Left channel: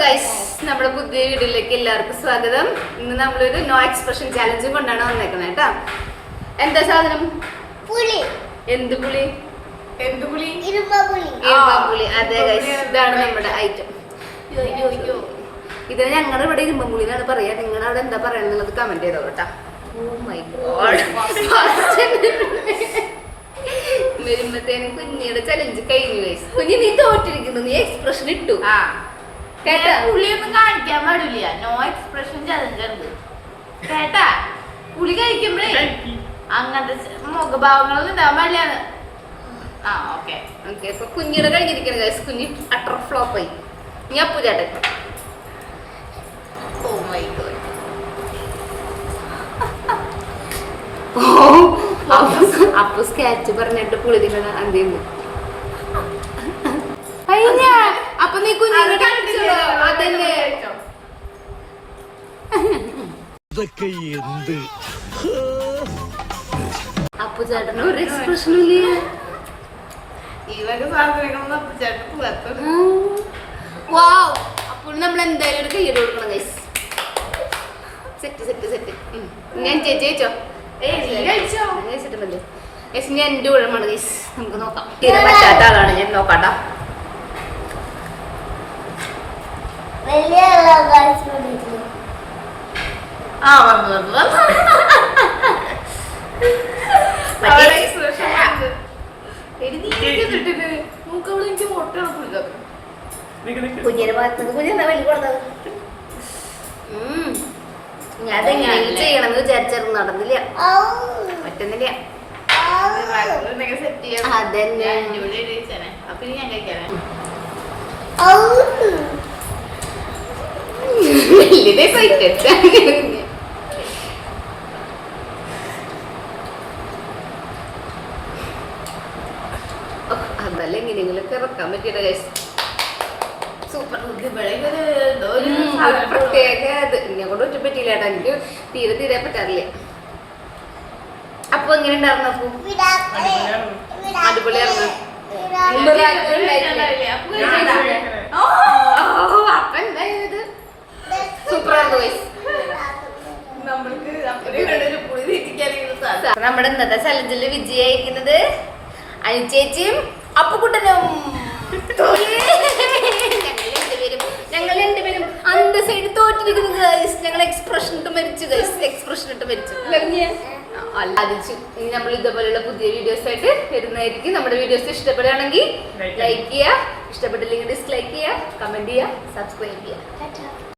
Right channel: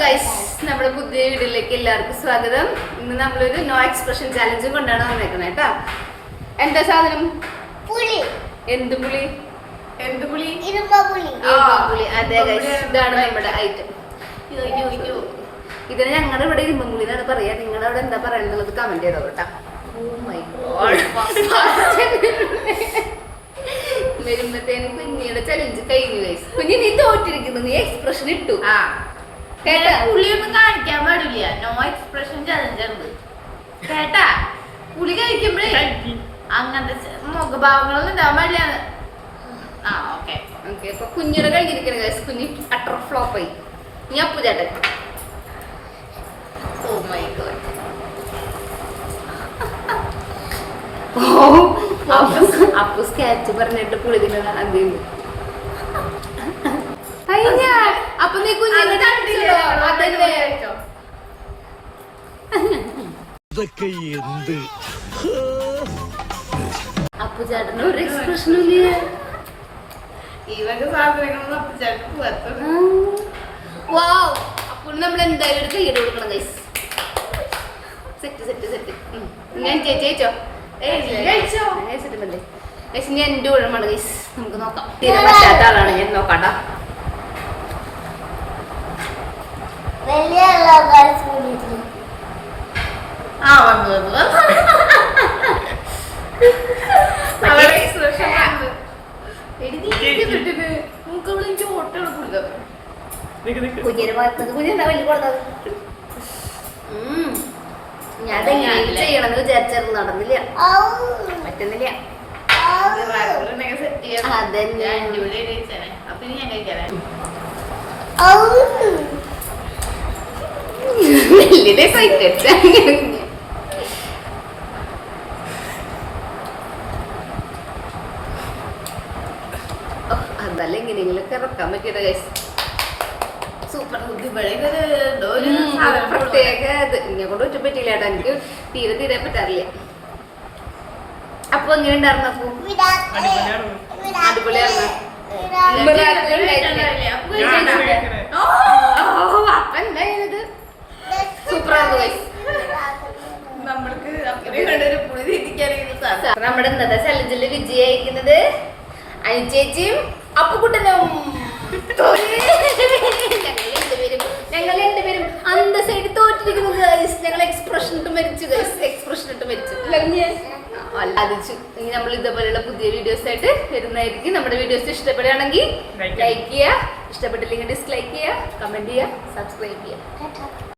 Guys, നമ്മുടെ പുതിയ വീഡിയോയിലേക്ക് എല്ലാവർക്കും സ്വാഗതം. ഇന്ന് നമ്മളൊരു നോ എക്സ്പ്രഷൻ ചാലഞ്ചും കൊണ്ടാണ് വന്നേക്കുന്നത് കേട്ടാ. എന്താ സാധനം? പുളി. എന്ത് പുളി? എന്ത് പുളി? ഇരുമ്പുളി. അതെ ഗൈസ്, ഇതാണ് നമ്മുടെ ഐറ്റം. ഇതിന് ഞങ്ങളുടെ ഇവിടെ ഇരുമ്പുളി എന്നാണ് പറയാ. നിങ്ങളവിടെ എന്താ പറയുന്നത് കമന്റ് ചെയ്തോ കേട്ടാ. ഓ മൈ ഗോഡ്, വരുമ്പത്തേന് കുഞ്ഞിയുടെ ചലഞ്ച് കഴിഞ്ഞു ഗൈസ്. കുഞ്ഞി നീ തോറ്റിരിക്കുന്നു, നീ എക്സ്പ്രഷൻ ഇട്ടു. പുളിയൊന്നും കാണിക്കാൻ പാടില്ല. നോ എക്സ്പ്രഷൻ ചലഞ്ച് കേട്ടാ. പുളി കഴിക്കുമ്പോഴേ അങ്ങനത്തെ മുഖഭാവങ്ങളൊന്നും ഉണ്ടാവാൻ പാടില്ല. ഓക്കെ അപ്പൊ കുഞ്ഞിയുടെ കഴിഞ്ഞിരിക്കണം ഗൈസ്. കുഞ്ഞി അട്ടർ ഫ്ലോപ്പായി. ഞാൻ പൂജാട്ടെ. Oh my God. അപ്പൊ സ്കാച്ച് പറഞ്ഞിട്ട് പുളി തിന്നണ എന്തെയ്യുന്നു. അപ്പൊ നീ കുഞ്ഞിനെ അപ്പൊ ചേട്ടന് ഒരു എക്സ്പ്രഷൻ ഇല്ല. ഇവക്ക് സാധനങ്ങളൊന്നും അപ്പച്ചേട്ടൻ പുറത്ത്. അപ്പോൾ നമ്മൾ എന്തായാലും ഒരു കയ്യോട് കൊടുക്കണം ഗൈസ്. Set set set. ഞാൻ ചേച്ചോ ഞാൻ എന്റെ ഊഴമാണ് ഗൈസ്. നമുക്ക് നോക്കാം. തീരെ പറ്റാത്ത ആളാണ് ഞാൻ. നോക്കാട്ടാ. കുഞ്ഞിന്റെ ഭാഗത്ത് കുഞ്ഞെന്താ വലിയ കൊടുത്തത്? ഞാൻ ചെയ്യണമെന്ന് വിചാരിച്ചായിരുന്നു, നടന്നില്ല, പറ്റുന്നില്ല. അതന്നെ അപ്പൊ ഞാൻ കഴിക്കാനേ വലിയ സൈറ്റ്. അതല്ല എങ്ങനെയെങ്കിലൊക്കെ ഇറക്കാൻ പറ്റിയത് ഗൈസ്. സൂപ്പർ. പ്രത്യേക എന്നെ കൊണ്ട് ഒറ്റ പറ്റില്ല കേട്ടോ. എനിക്ക് തീരെ തീരെ പറ്റാറില്ല. അപ്പൊ എങ്ങനെ ഉണ്ടായിരുന്നു? അപ്പൊ അടിപൊളിയായിരുന്നു. അപ്പൊ എന്തായത് സൂപ്പറായിരുന്നു ഗൈസ്. നമ്മുടെ ഇന്നത്തെ ചലഞ്ചില് വിജയായിരിക്കുന്നത് അനുചേച്ചിയും അപ്പുകുട്ടനും. ഞങ്ങൾ രണ്ടുപേരും അന്ത സൈഡ് തോറ്റിരിക്കുന്നു ഗൈസ്. ഞങ്ങൾ എക്സ്പ്രഷൻ ഇട്ട് മരിച്ചു ഗൈസ്. എക്സ്പ്രഷൻ ഇട്ട് മരിച്ചു. അല്ലാതിച്ചു. ഇനി നമ്മൾ ഇതേപോലെയുള്ള പുതിയ വീഡിയോസ് ആയിട്ട് വരുന്നതായിരിക്കും. നമ്മുടെ വീഡിയോസ് ഇഷ്ടപ്പെടുകയാണെങ്കിൽ ലൈക്ക് ചെയ്യുക, ഇഷ്ടപ്പെട്ടില്ലെങ്കിൽ ഡിസ്ലൈക്ക് ചെയ്യുക, കമന്റ് ചെയ്യുക, സബ്സ്ക്രൈബ് ചെയ്യുക.